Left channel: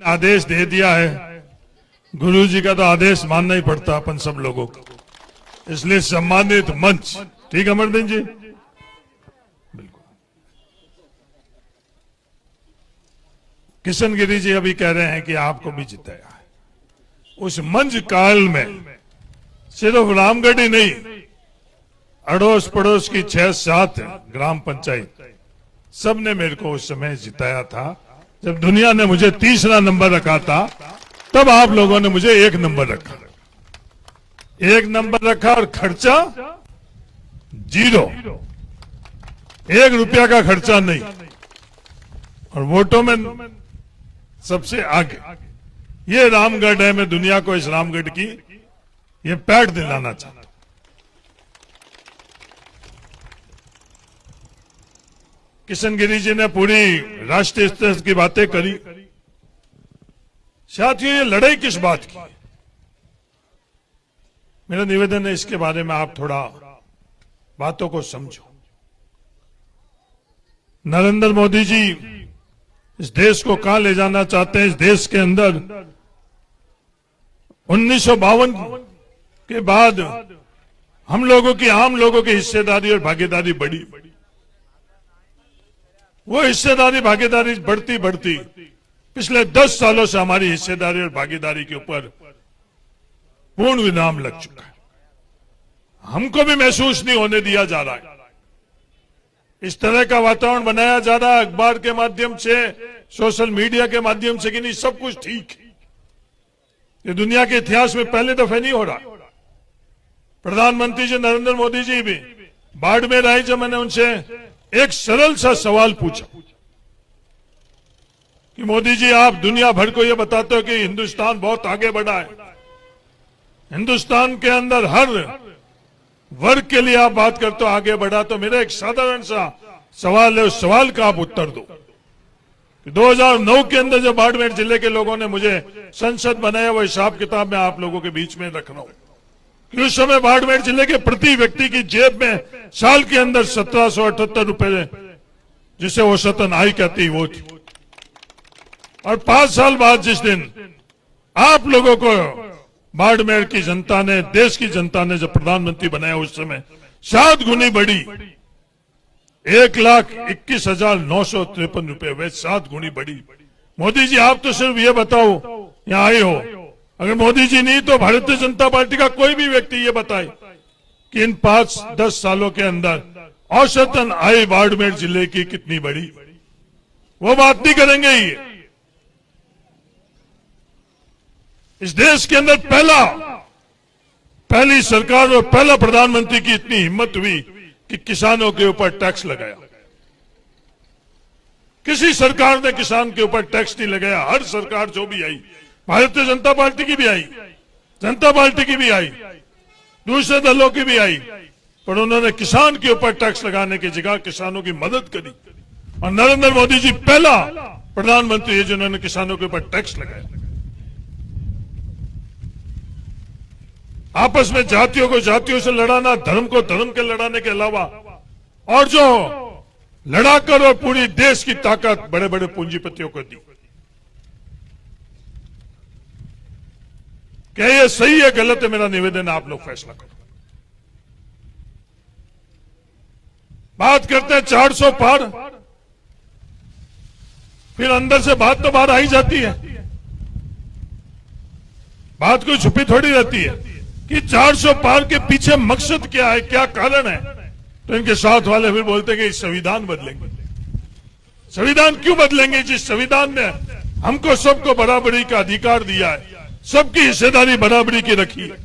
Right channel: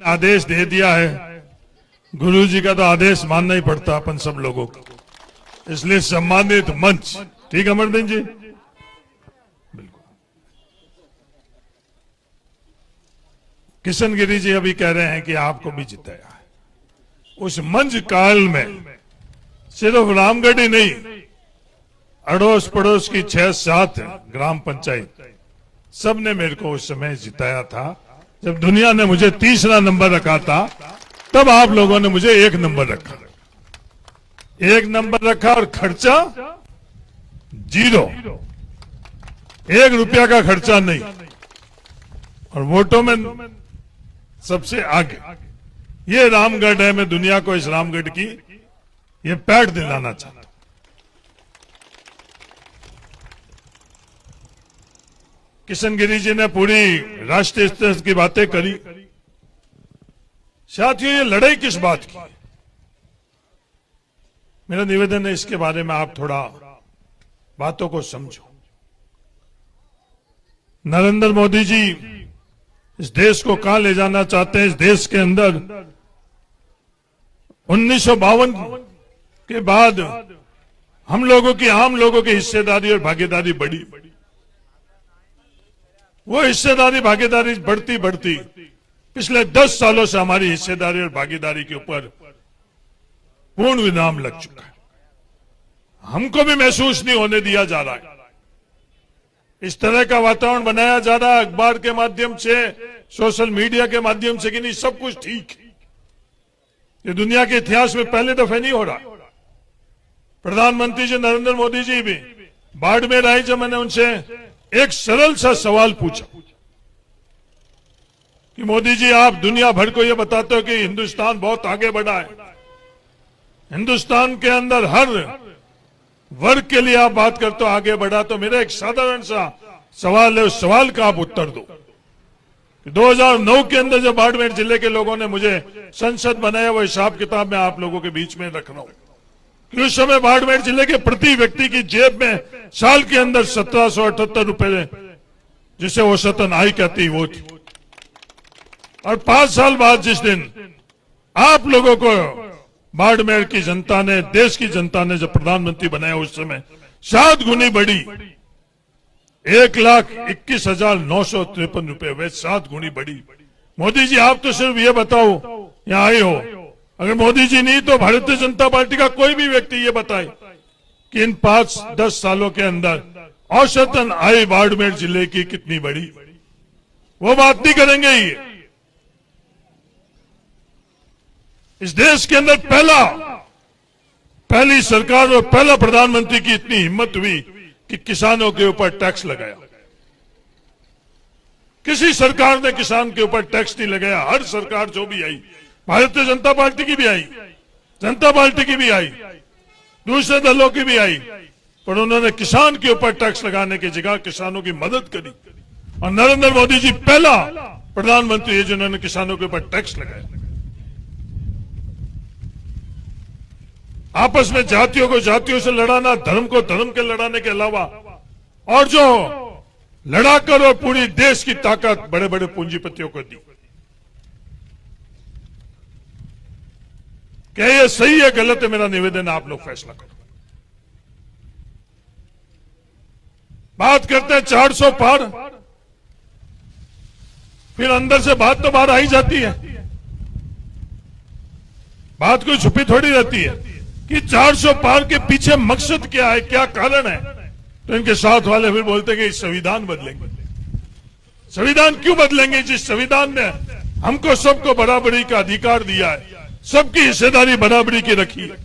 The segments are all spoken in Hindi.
आदेश दे दिया है, गुरु जी का तो आदेश मानना ही पड़ता अपन सब लोगों को, इसलिए सम्मानित मंच। ठीक है अमरदीन जी, बिल्कुल। किशन गिरी जी अभी कह रहे हैं कि आपको भी जिताया है। उस मंच काल में सिर्फ रामगढ़ ही नहीं, अड़ोस पड़ोस की 6-7 ग्राम पंचायत सबने मेरे को उस समय जिताया था। जब दुनिया ने मुझे तीसरा नंबर रखा था, तब आप लोगों ने मुझे 1 नंबर रखा। 1 नंबर रखा और खर्चा 0, 1 रुपया का खर्चा नहीं, और वोटों में सबसे आगे। ये रामगढ़ है। मैं दुनिया को इस रामगढ़ की ये पैठ दिलाना चाहता हूं। किशन गिरी जी ने पूरी राष्ट्रीय स्तर की बातें करी। साथियों, ये लड़ाई किस बात की? मेरा निवेदन है इसके बारे में आप थोड़ा बातों को समझो। नरेंद्र मोदी जी इस देश को कहां ले जाना चाहते हैं? इस देश के अंदर 1952 के बाद हम लोगों की, आम लोगों की हिस्सेदारी और भागीदारी बढ़ी। वो हिस्सेदारी भागीदारी बढ़ती बढ़ती पिछले 10 सालों से हमारी हिस्सेदारी और भागीदारी के ऊपर पूर्ण विराम लग चुका है। हमको भी महसूस नहीं होने दिया जा रहा है। इस तरह का वातावरण बनाया जा रहा है अखबार के माध्यम से, सोशल मीडिया के माध्यम से, कि नहीं सब कुछ ठीक है। ये दुनिया के इतिहास में पहले दफे नहीं हो रहा। प्रधानमंत्री जी नरेंद्र मोदी जी भी बाड़मेर आए, जब मैंने उनसे एक सरल सा सवाल पूछा कि मोदी जी, आप दुनिया भर को ये बताते हो कि हिंदुस्तान बहुत आगे बढ़ा है, हिंदुस्तान के अंदर हर वर्ग के लिए आप बात करते हो आगे बढ़ा, तो मेरा एक साधारण सा सवाल है, उस सवाल का आप उत्तर दो। 2009 के अंदर जब बाड़मेर जिले के लोगों ने मुझे संसद बनाया, वो हिसाब किताब मैं आप लोगों के बीच में रख रहा हूं कि उस समय बाड़मेर जिले के प्रति व्यक्ति की जेब में साल के अंदर 1778 रुपए, जिसे औसतन आय कहती, वो थी। और 5 साल बाद जिस दिन आप लोगों को बाड़मेर की जनता ने, देश की जनता ने जब प्रधानमंत्री बनाया, उस समय 7 गुनी बढ़ी, 1,21,953 रुपए, वे 7 गुनी बढ़ी। मोदी जी, आप तो सिर्फ ये बताओ, यहाँ आए हो, अगर मोदी जी नहीं तो भारतीय जनता पार्टी का कोई भी व्यक्ति ये बताए कि इन 5-10 सालों के अंदर औसतन आय बाड़मेर जिले की कितनी बढ़ी, वो बात नहीं करेंगे। ये इस देश के अंदर पहली सरकार और पहला प्रधानमंत्री की इतनी हिम्मत हुई कि किसानों के ऊपर टैक्स लगाया। किसी सरकार ने किसान के ऊपर टैक्स नहीं लगाया। हर सरकार जो भी आई, भारतीय जनता पार्टी की भी आई, जनता पार्टी की भी आई, दूसरे दलों की भी आई, पर उन्होंने किसान के ऊपर टैक्स लगाने की जगह किसानों की मदद करी। और नरेंद्र मोदी जी पहला प्रधानमंत्री है जिन्होंने किसानों के ऊपर टैक्स लगाया। आपस में जातियों को जातियों से लड़ाना, धर्म को धर्म के लड़ाने के अलावा, और जो लड़ाकर और पूरी देश की ताकत बड़े बड़े पूंजीपतियों को दी। क्या ये सही है गलत है? मेरा निवेदन है, आप लोग फैसला करो। बात करते हैं 400 पार, फिर अंदर से बात तो बाहर आई जाती है। बात कोई छुपी थोड़ी रहती है कि 400 पार के पीछे मकसद क्या है, क्या कारण है। तो इनके साथ वाले फिर बोलते हैं कि संविधान बदलेंगे। संविधान क्यों बदलेंगे? जिस संविधान ने हमको सबको बराबरी का अधिकार दिया है, सबकी हिस्सेदारी बराबरी की रखी है।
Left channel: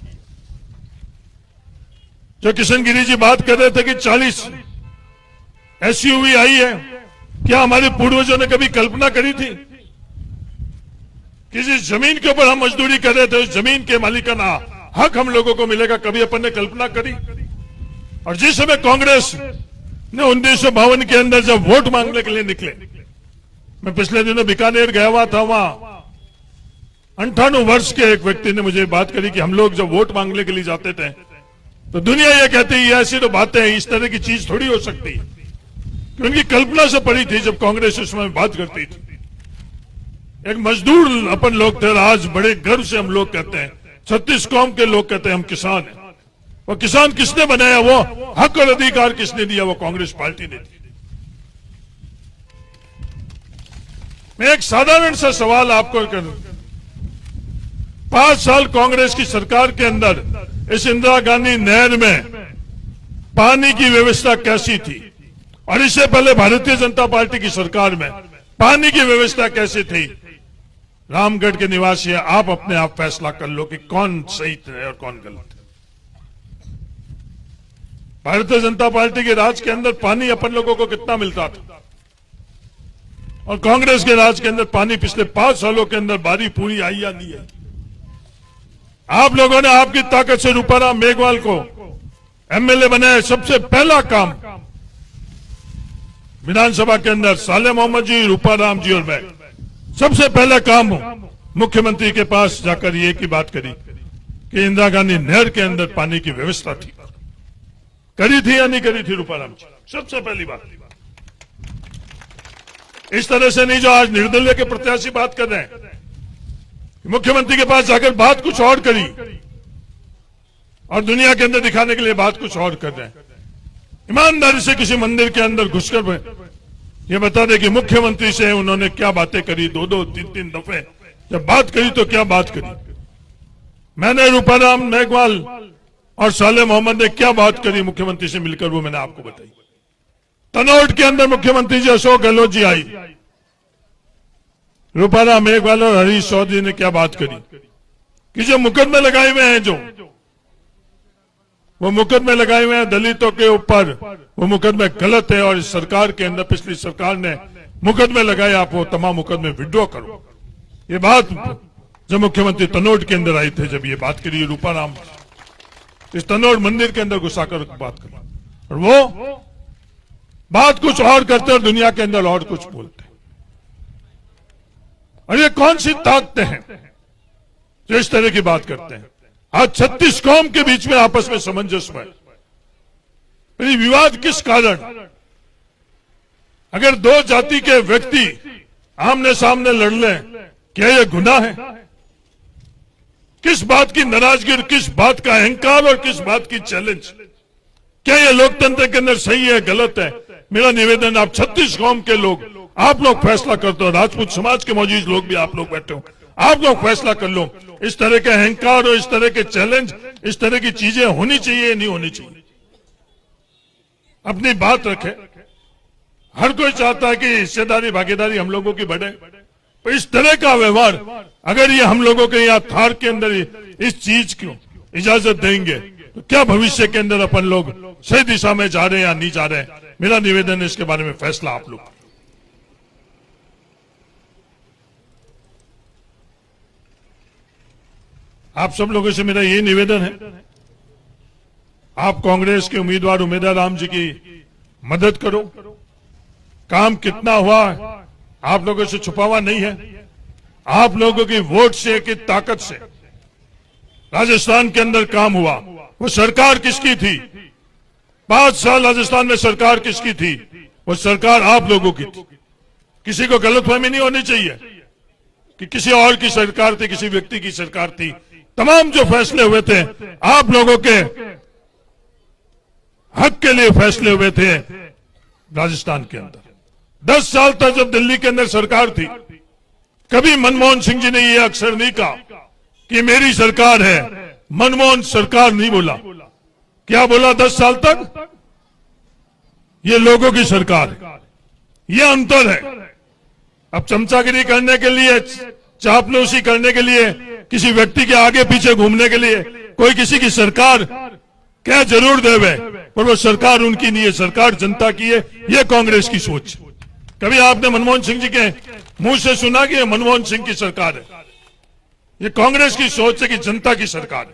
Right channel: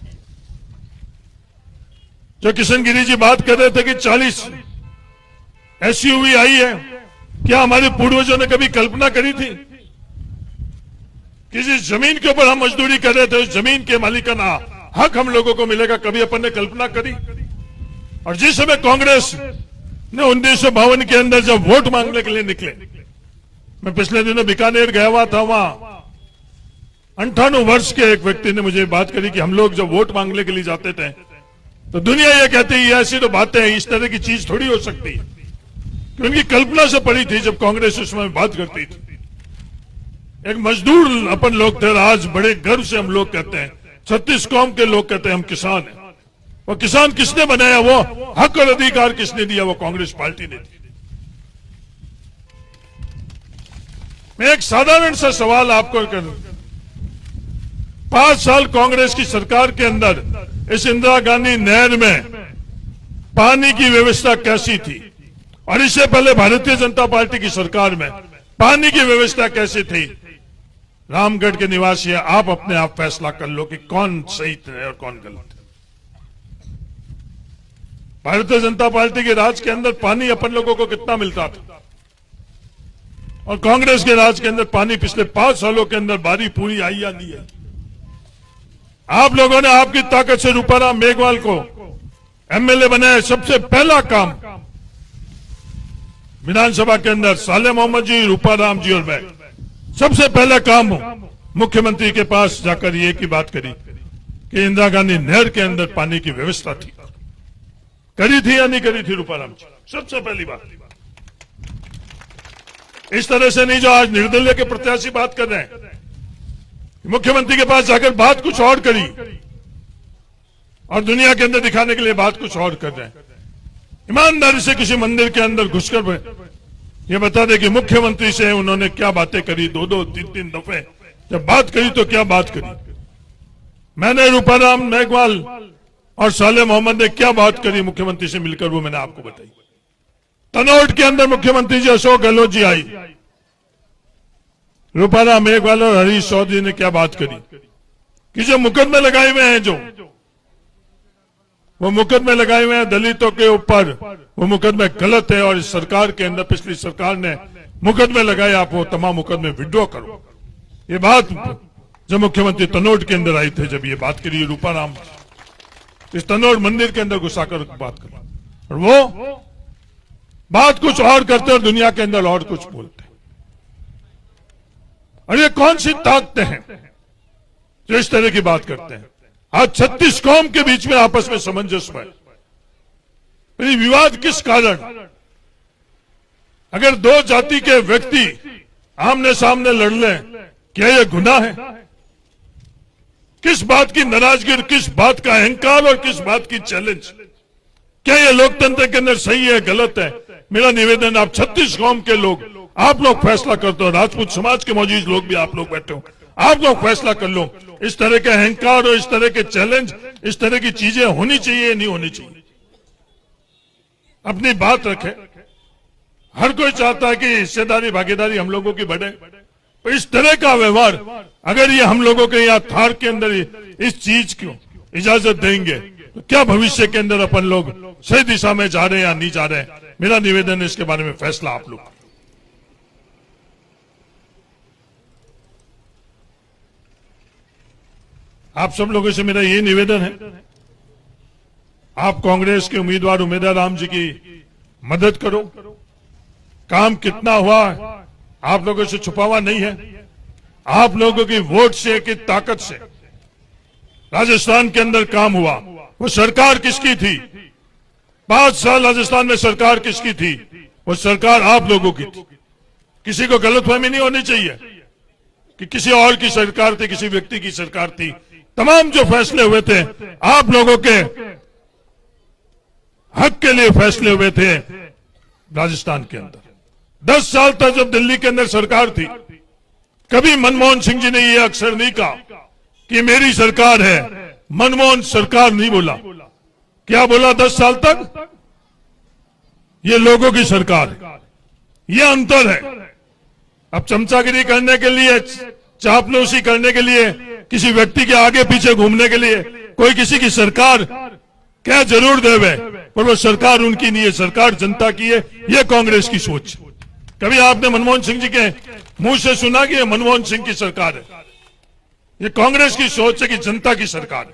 जो किशन गिरी जी बात कर रहे थे कि 40 SUV आई है, क्या हमारे पूर्वजों ने कभी कल्पना करी थी? किसी जमीन के ऊपर हम मजदूरी कर रहे थे, उस जमीन के मालिकाना हक हम लोगों को मिलेगा, कभी अपन ने कल्पना करी? और जिस समय कांग्रेस ने 1952 के अंदर जब वोट मांगने के लिए निकले, मैं पिछले दिनों बीकानेर गया हुआ था, वहां 98 वर्ष के एक व्यक्ति ने मुझे बात करी कि हम लोग जब वोट मांगने के लिए जाते थे तो दुनिया ये कहती है ऐसी तो बातें हैं, इस तरह की चीज थोड़ी हो सकती है। क्योंकि कल्पना से पड़ी थी जब कांग्रेस उस समय बात करती थी। एक मजदूर अपन लोग थे, आज बड़े गर्व से हम लोग कहते हैं, 36 कौम के लोग कहते हैं हम किसान हैं। और किसान किसने बनाया? वो हक और अधिकार किसने दिया? वो कांग्रेस पार्टी ने दिया। मैं एक साधारण सा सवाल आपको करूं, 5 साल कांग्रेस की सरकार के अंदर इस इंदिरा गांधी नहर में पानी की व्यवस्था कैसी थी? और इससे पहले भारतीय जनता पार्टी की सरकार में पानी की व्यवस्था कैसी थी? रामगढ़ के निवासी आप अपने आप फैसला कर लो कि कौन सही है और कौन गलत है। भारतीय जनता पार्टी के राज के अंदर पानी अपन लोगों को कितना मिलता था, और कांग्रेस के राज के अंदर पानी पिछले 5 सालों के अंदर बारी पूरी आई या नहीं है? आप लोगों ने आपकी ताकत से रूपाराम मेघवाल को एमएलए बनाया। सबसे पहला काम विधानसभा के अंदर साले मोहम्मद जी, रूपाराम जी और मैं सबसे पहला काम मुख्यमंत्री के पास जाकर ये की बात करी कि इंदिरा गांधी नहर के अंदर पानी की व्यवस्था थी, करी थी या नहीं करी थी रूपाराम जी? सबसे पहली बात। इस तरह से नहीं जो आज निर्दलीय के प्रत्याशी बात कर रहे हैं, मुख्यमंत्री के पास जाकर बात कुछ और करी और दुनिया के अंदर दिखाने के लिए बात कुछ और कर रहे हैं। ईमानदारी से किसी मंदिर के अंदर घुसकर ये बता दे कि मुख्यमंत्री से उन्होंने क्या बातें करी, 2-2, 3-3 दफे जब बात करी तो क्या बात करी। मैंने रूपाराम मेघवाल और साले मोहम्मद ने क्या बात करी मुख्यमंत्री से मिलकर, वो मैंने आपको बताई। तनोट के अंदर मुख्यमंत्री जी अशोक गहलोत जी आई, रूपाराम मेघवाल और हरीश चौधरी ने क्या बात करी कि जो मुकदमे लगाए हुए हैं, जो वो मुकदमे लगाए हुए हैं दलितों के ऊपर, वो मुकदमे गलत है और इस सरकार के अंदर पिछली सरकार ने मुकदमे लगाए, आप वो तमाम मुकदमे विड्रॉ करो। ये बात जब मुख्यमंत्री तनोट के अंदर आई थे, जब ये बात करी रूपाराम इस तनोट मंदिर के अंदर घुसाकर बात करी, और वो बात कुछ और करते और दुनिया के अंदर और कुछ बोलते। और ये कौन सी ताकतें हैं जो इस तरह की बात करते हैं? आज 36 कौम के बीच में आपस में सामंजस्य है, ये विवाद किस कारण? अगर 2 जाति के व्यक्ति आमने सामने लड़ लें, क्या यह गुनाह है? किस बात की नाराजगी, किस बात का अहंकार और किस बात की चैलेंज? क्या यह लोकतंत्र के अंदर सही है, गलत है? मेरा निवेदन, आप 36 कौम के लोग, आप लोग फैसला करते हो। राजपूत समाज के मौजूद लोग भी आप लोग बैठे हो, आप लोग फैसला कर लो। इस तरह के अहंकार और इस तरह के चैलेंज, इस तरह की चीजें होनी चाहिए नहीं होनी चाहिए? अपनी बात रखे। हर कोई चाहता है कि हिस्सेदारी भागीदारी हम लोगों की बढ़े, तो इस तरह का व्यवहार अगर ये हम लोगों के यहाँ थार के अंदर इस चीज को इजाजत देंगे तो क्या भविष्य के अंदर अपन लोग सही दिशा में जा रहे हैं या नहीं जा रहे हैं? मेरा निवेदन है, इसके बारे में फैसला आप लोग। आप सब लोगों से मेरा ये निवेदन है, आप कांग्रेस के उम्मीदवार उमेदवार राम जी की मदद करो। काम कितना हुआ आप लोगों से छुपा हुआ नहीं है। आप लोगों की वोट से, की ताकत से राजस्थान के अंदर काम हुआ। वो सरकार किसकी थी? 5 साल राजस्थान में सरकार किसकी थी? वो सरकार आप लोगों की थी। किसी को गलतफहमी नहीं होनी चाहिए कि किसी और की सरकार थी, किसी व्यक्ति की सरकार थी। तमाम जो फैसले हुए थे आप लोगों के हक के लिए फैसले हुए थे राजस्थान के अंदर। 10 साल तक जब दिल्ली के अंदर सरकार थी, कभी मनमोहन सिंह जी ने यह अक्सर नहीं कहा कि मेरी सरकार है। मनमोहन सरकार नहीं बोला, क्या बोला 10 साल तक? ये लोगों की सरकार है। यह अंतर है। अब चमचागिरी करने के लिए, चापलूसी करने के लिए, किसी व्यक्ति के आगे पीछे घूमने के लिए कोई किसी की सरकार क्या जरूर देवे, पर वो सरकार उनकी नहीं है, सरकार जनता की है। ये कांग्रेस की सोच। कभी आपने मनमोहन सिंह जी के मुंह से सुना कि ये मनमोहन सिंह की सरकार है? ये कांग्रेस की सोच है कि जनता की सरकार है,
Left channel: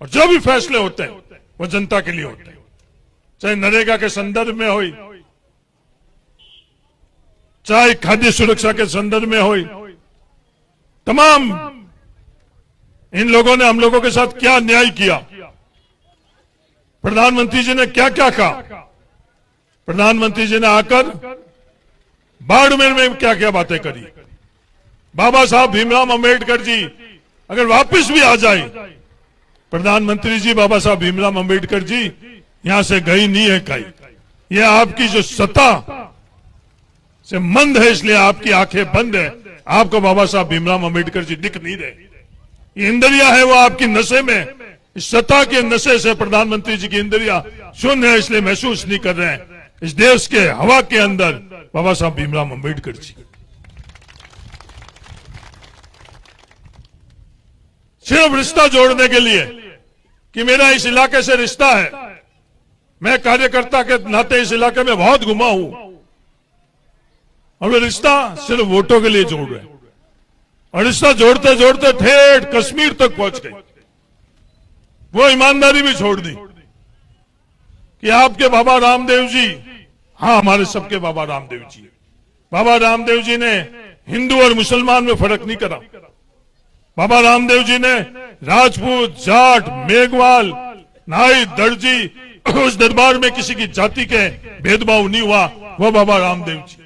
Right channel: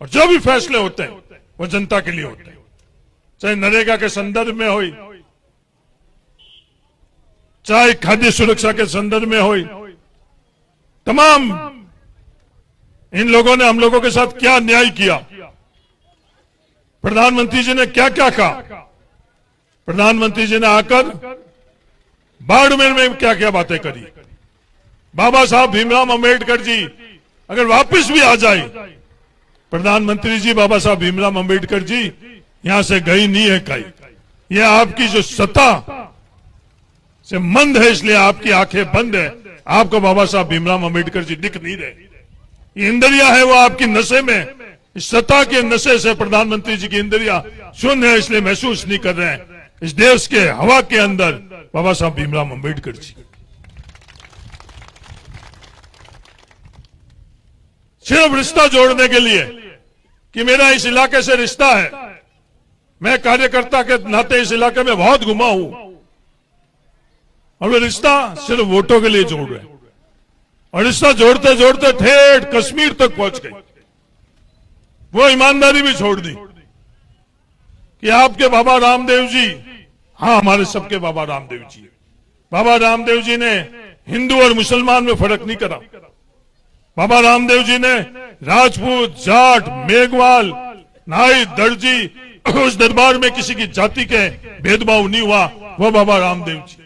और जो भी फैसले होते हैं वो जनता के लिए होते हैं। चाहे नरेगा के संदर्भ में हो, चाहे खाद्य सुरक्षा के संदर्भ में हो, तमाम इन लोगों ने हम लोगों के साथ क्या न्याय किया। प्रधानमंत्री जी ने क्या क्या कहा। प्रधानमंत्री जी ने आकर बाड़मेर में क्या क्या बातें करी। बाबा साहब भीमराव अंबेडकर जी अगर वापस भी आ जाए, प्रधानमंत्री जी बाबा साहब भीमराव अंबेडकर जी यहां से गई नहीं है कहीं। ये आपकी जो सत्ता से मंद है, इसलिए आपकी आंखें बंद है, आपको बाबा साहब भीमराव अंबेडकर जी दिख नहीं रहे। ये इंद्रिया है वो आपकी नशे में, इस सत्ता के नशे से प्रधानमंत्री जी की इंद्रिया शून्य है, इसलिए महसूस नहीं कर रहे हैं। इस देश के हवा के अंदर बाबा साहब भीमराव अंबेडकर जी सिर्फ रिश्ता जोड़ने के लिए कि मेरा इस इलाके से रिश्ता है, मैं कार्यकर्ता के नाते इस इलाके में बहुत घुमा हूं, और वे रिश्ता सिर्फ वोटों के लिए जोड़ रहे हैं, और रिश्ता जोड़ते जोड़ते ठेठ कश्मीर तक पहुंच गए। वो ईमानदारी भी छोड़ दी कि आपके बाबा रामदेव जी, हाँ हमारे सबके बाबा रामदेव जी, बाबा रामदेव जी ने हिंदू और मुसलमान में फर्क नहीं करा। बाबा रामदेव जी ने राजपूत, जाट, मेघवाल, नाई, दर्जी, उस दरबार में किसी की जाति के भेदभाव नहीं हुआ। वो बाबा रामदेव जी,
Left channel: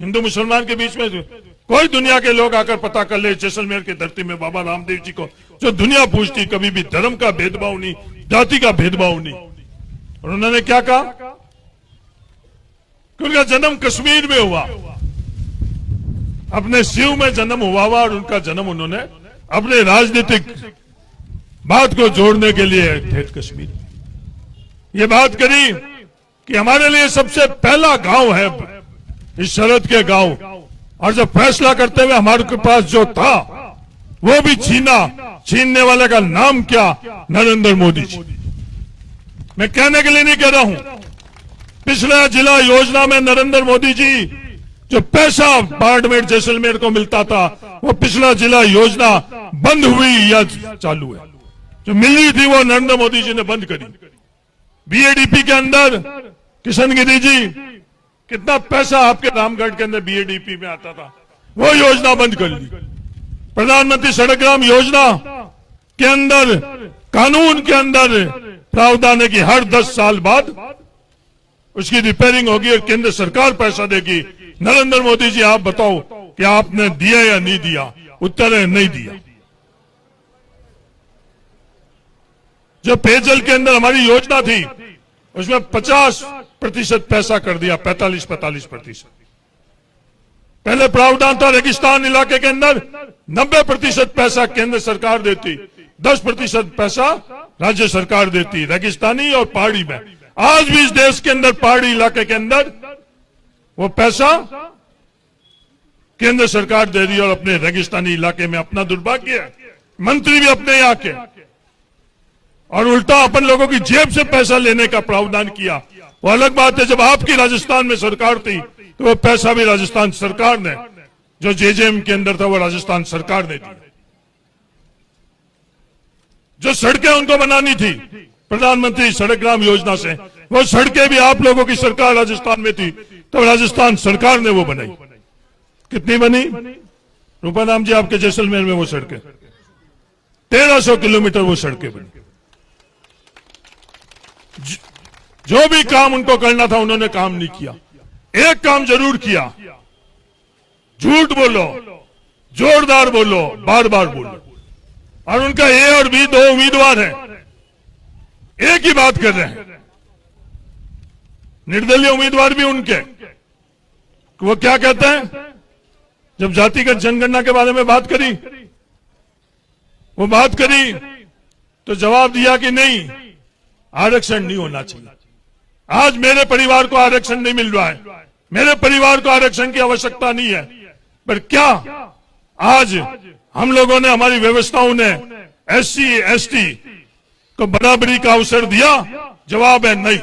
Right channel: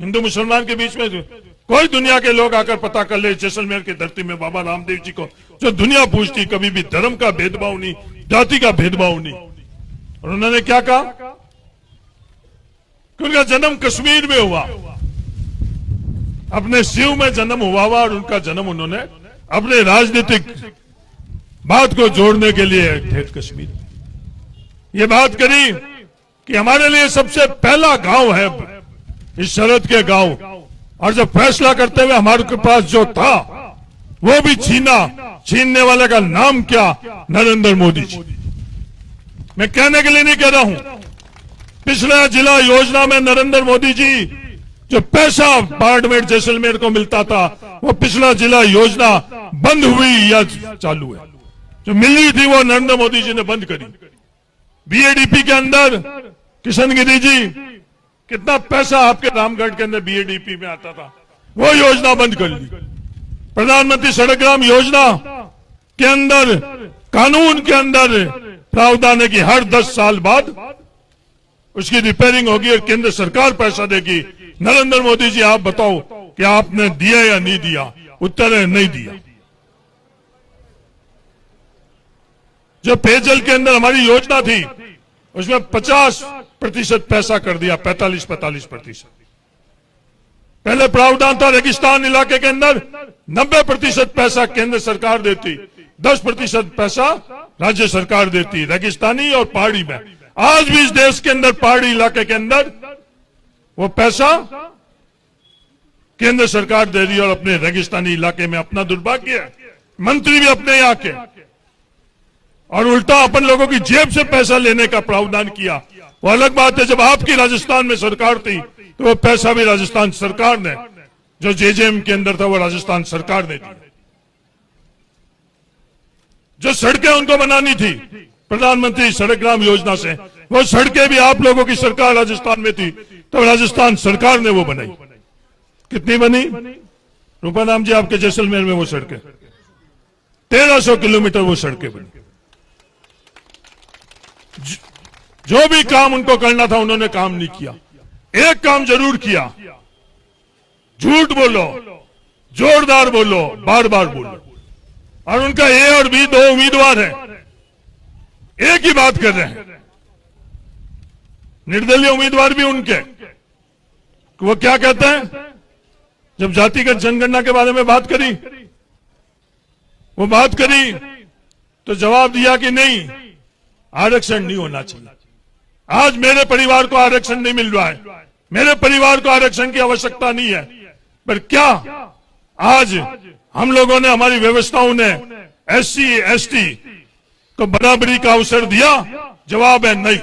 हिंदू मुसलमान के बीच में कोई दुनिया के लोग आकर पता कर ले, जैसलमेर की धरती में बाबा रामदेव जी को जो दुनिया पूछती, कभी भी धर्म का भेदभाव नहीं, जाति का भेदभाव नहीं। और उन्होंने क्या कहा कि उनका जन्म कश्मीर में हुआ, अपने शिव में जन्म हुआ और उनका जन्म उन्होंने अपने राजनीतिक बात को जोड़ने के लिए ठेठ कश्मीर। ये बात करी कि हमारे लिए सबसे पहला गांव है इस शरद के गांव, और जब फैसला करते हुए हमारे के पास जो था वो भी छीनने वाले का नाम क्या, नरेंद्र मोदी जी। मैं कहने के लिए नहीं कह रहा हूं, पिछला जिला योजना में नरेंद्र मोदी जी जो पैसा बाड़मेर जैसलमेर को मिलता था, वो पिछला जिला योजना बंद हुई या चालू है। जो मिल रही थी वो नरेंद्र मोदी जी ने बंद करी। बीएडीपी के अंदर किशन गिरी जी, कितना पैसा आपके रामगढ़ के अंदर बीएडीपी में आता था, वो योजना बंद कर ली। प्रधानमंत्री सड़क ग्राम योजना के अंदर कानून के अंदर प्रावधान है कि हर 10 साल बाद उसकी रिपेयरिंग होगी और केंद्र सरकार पैसा देगी। नरेंद्र मोदी जी आप बताओ कि आपने दिया या नहीं दिया? उत्तर है नहीं दिया। जो पेयजल के अंदर हमारी योजना थी उसमें 50% पैसा कर दिया, 45-45%। पहले प्रावधान था रेगिस्तान इलाके के अंदर 90% पैसा केंद्र सरकार देती, 10% पैसा राज्य सरकार देती, रेगिस्तानी और पहाड़ी में। आज भी इस देश के अंदर पहाड़ी इलाके के अंदर वो पैसा केंद्र सरकार दे रही है और अपने रेगिस्तानी इलाके में अपना दुर्भाग्य है, मंत्री भी अपने यहाँ के, और उल्टा अपन लोगों की जेब से पैसा लेने का प्रावधान किया। वो अलग बात है, जब आपकी राजस्थान में सरकार थी तो वो पैसा भी राजस्थान सरकार ने, जो जेजेएम के अंदर था वो राजस्थान सरकार ने दिया। जो सड़कें उनको बनानी थी प्रधानमंत्री सड़क ग्राम योजना से, वो सड़कें भी आप लोगों की सरकार राजस्थान में थी तो राजस्थान सरकार ने वो बनाई। कितनी बनी रूपाराम जी आपके जैसलमेर में? वो सड़कें 1300 किलोमीटर वो सड़कें बनी। जो भी काम उनको करना था उन्होंने काम नहीं किया। एक काम जरूर किया, झूठ बोलो, जोरदार बोलो, बार बार बोलो, और उनका ए और बी 2 उम्मीदवार हैं, एक ही बात कर रहे हैं। निर्दलीय उम्मीदवार भी उनके, वो क्या कहते हैं? जब जातिगत जनगणना के बारे में बात करी, वो बात करी तो जवाब दिया कि नहीं, आरक्षण नहीं होना चाहिए। आज मेरे परिवार को आरक्षण नहीं मिल रहा है, मेरे परिवार को आरक्षण की आवश्यकता नहीं है, पर क्या आज हम लोगों ने, हमारी व्यवस्थाओं ने एससी एसटी को बराबरी का अवसर दिया? जवाब है नहीं।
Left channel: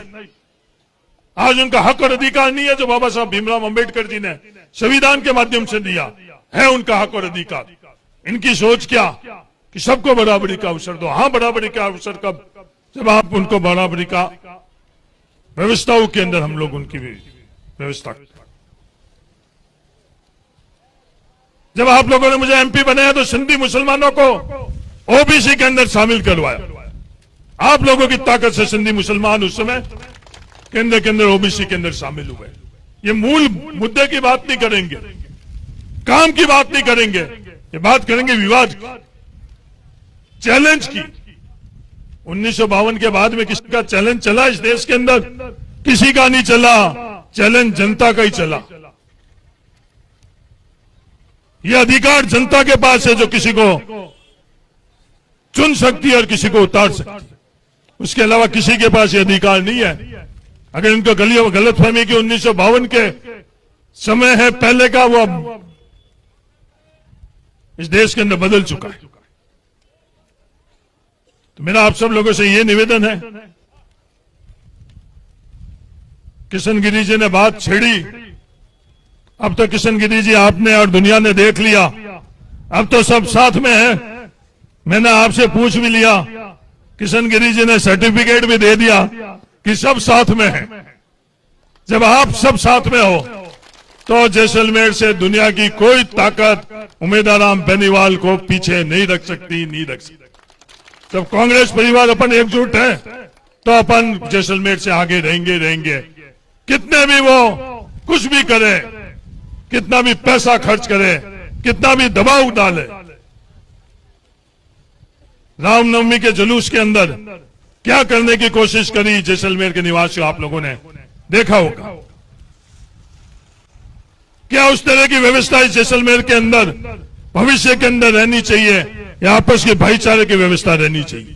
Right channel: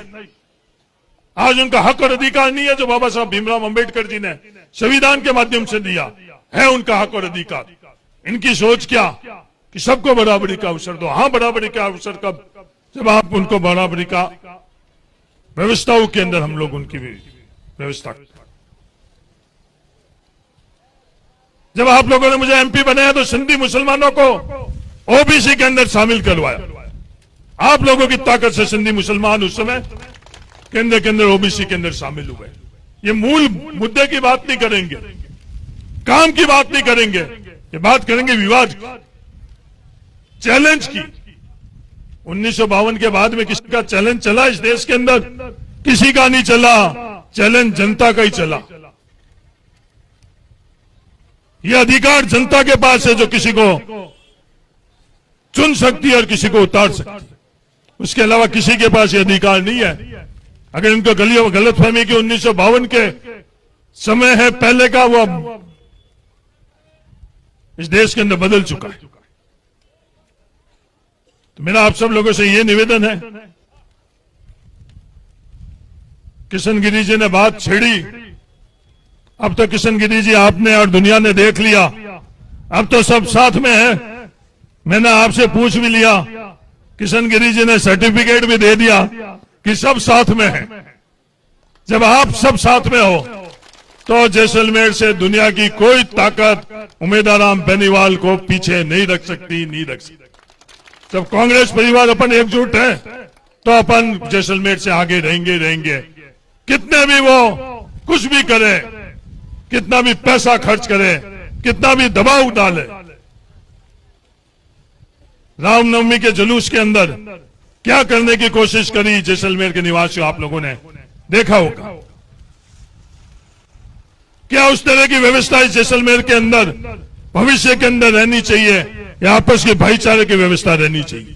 आज उनका हक और अधिकार नहीं है जो बाबा साहब भीमराव अंबेडकर जी ने संविधान के माध्यम से दिया है, उनका हक और अधिकार। इनकी सोच क्या कि सबको बराबरी का अवसर दो। हाँ, बराबरी का अवसर कब? जब आप उनको बराबरी का व्यवस्थाओं के अंदर हम लोग उनकी व्यवस्था, जब आप लोगों ने मुझे एमपी बनाया तो सिंधी मुसलमानों को ओबीसी के अंदर शामिल करवाया। आप लोगों की ताकत से सिंधी मुसलमान उस समय केंद्र के अंदर ओबीसी के अंदर शामिल हुए। ये मूल मुद्दे की बात नहीं करेंगे, काम की बात नहीं करेंगे, ये बात करेंगे विवाद, चैलेंज की। 1952 के बाद में किसी का चैलेंज चला इस देश के अंदर? किसी का नहीं चला। चैलेंज जनता का ही चला। ये अधिकार जनता के पास है जो किसी को चुन सकती है और किसी को उतार सकती है। उसके अलावा किसी के पास ये अधिकार नहीं है। अगर इनको गलतफहमी की 1952 के समय है पहले का, वो इस देश के अंदर बदल चुका है। तो मेरा आप सब लोगों से ये निवेदन है, किशन गिरी जी ने बात छेड़ी, अब तो किशन गिरी जी आपने और दुनिया ने देख लिया, अब तो सब साथ में है। मैंने आपसे पूछ भी लिया, किशन गिरी जी ने सर्टिफिकेट भी दे दिया कि सब साथ में है। जब आप सब साथ में हो तो जैसलमेर से दुनिया की कोई ताकत उमेदवाराम बेनीवाल को पीछे नहीं रख सकती, नहीं रख सकती। जब कांग्रेस परिवार अपन एकजुट है तो अपन जैसलमेर से आगे रहेंगे। कितने भी वो कुछ भी करे, कितना भी पैसा खर्च करे, कितना भी दबाव डाले। रामनवमी के जुलूस के अंदर क्या करने की कोशिश करी जैसलमेर के निवासियों, आप लोगों ने देखा होगा। क्या उस तरह की व्यवस्था इस जैसलमेर के अंदर भविष्य के अंदर रहनी चाहिए? या आपस के भाईचारे की व्यवस्था रहनी चाहिए,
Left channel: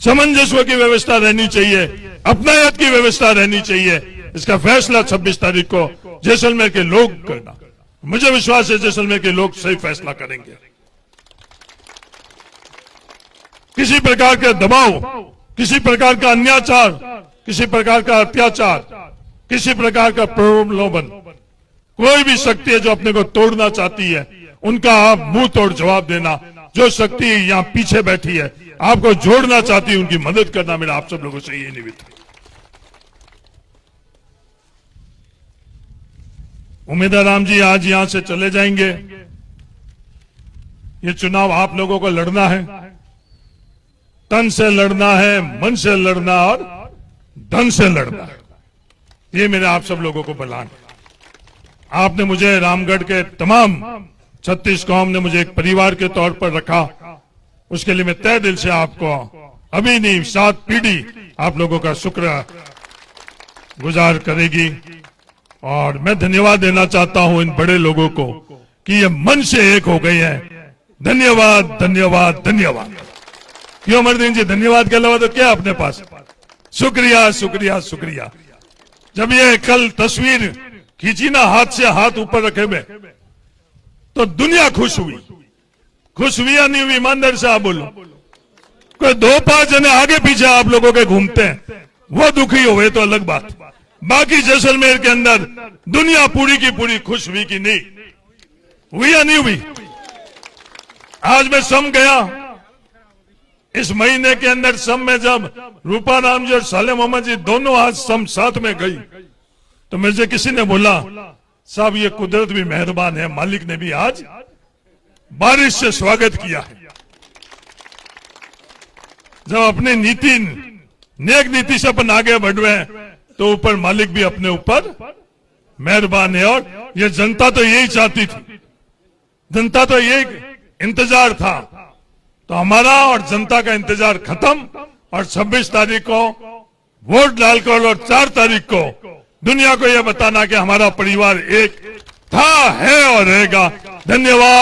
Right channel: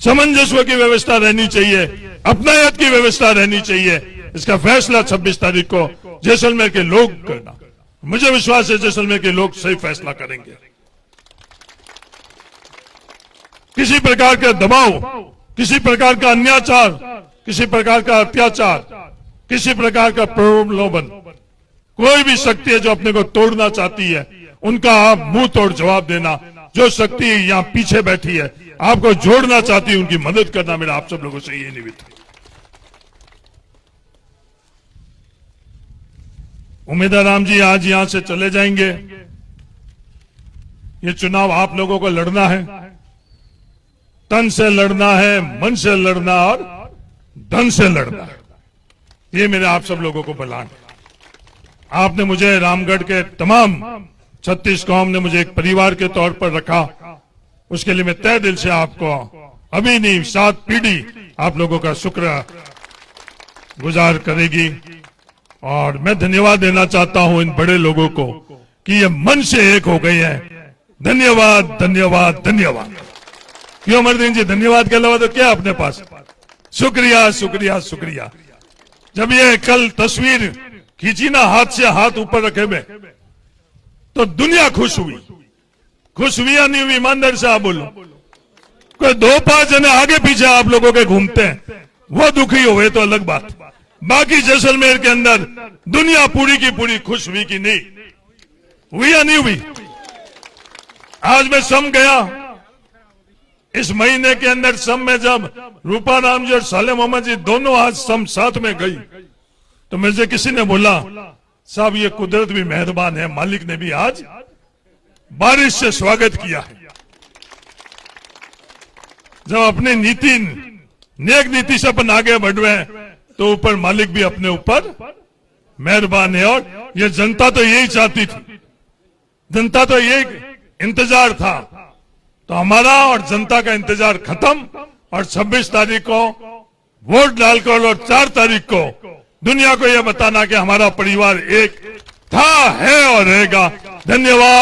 सामंजस्य की व्यवस्था रहनी चाहिए, अपनायत की व्यवस्था रहनी चाहिए? इसका फैसला 26 तारीख को जैसलमेर के लोग करना। मुझे विश्वास है जैसलमेर के लोग सही फैसला करेंगे। किसी प्रकार का दबाव, किसी प्रकार का अन्याचार, किसी प्रकार का अत्याचार, किसी प्रकार का प्रलोभन, कोई भी शक्ति है जो अपने को तोड़ना चाहती है, उनका आप मुंह तोड़ जवाब देना। जो शक्ति यहां पीछे बैठी है आपको जोड़ना चाहती है, उनकी मदद करना मेरा आप सब लोगों से ये निवेदन। उमेदवार राम जी आज यहां से चले जाएंगे। ये चुनाव आप लोगों को लड़ना है, तन से लड़ना है, मन से लड़ना और धन से लड़ना है। ये मेरे आप सब लोगों को बलान। आपने मुझे रामगढ़ के तमाम 36 कौम ने मुझे एक परिवार के तौर पर रखा, उसके लिए मैं तहे दिल से आपको अभी नहीं 7 पीढ़ी आप लोगों का शुक्र गुजार करेगी। और मैं धन्यवाद देना चाहता हूं इन बड़े लोगों को कि ये मन से एक हो गए हैं। धन्यवाद, धन्यवाद, धन्यवाद। क्यों अमरदीन जी, धन्यवाद के अलावा तो क्या अपने पास? शुक्रिया, शुक्रिया, शुक्रिया। जब ये कल तस्वीर खींची ना, हाथ से हाथ ऊपर रखे में, तो दुनिया खुश हुई। खुश हुई या नहीं हुई? ईमानदारी से आप बोलो। कोई 2-5 जने आगे पीछे आप लोगों के घूमते हैं, वो दुखी हुए तो अलग बात। बाकी जैसलमेर के अंदर दुनिया पूरी की पूरी खुश हुई कि नहीं हुई या नहीं हुई? आज मैं सम गया, इस महीने के अंदर सम में जब रूपा राम जी और साले मोहम्मद जी दोनों आज सम साथ में गई, तो मुझे किसी ने बोला साहब ये कुदरत भी मेहरबान है, मालिक ने भी आज बारिश से स्वागत किया है। जब अपनी नीति, नेक नीति से अपन आगे बढ़ रहे हैं तो ऊपर मालिक भी अपने ऊपर मेहरबान है। और ये जनता तो यही चाहती थी, जनता तो एक इंतजार था। तो हमारा और जनता का इंतजार खत्म और 26 तारीख को वोट डालकर और 4 तारीख को दुनिया को यह बताना कि हमारा परिवार एक था, है और रहेगा। धन्यवाद।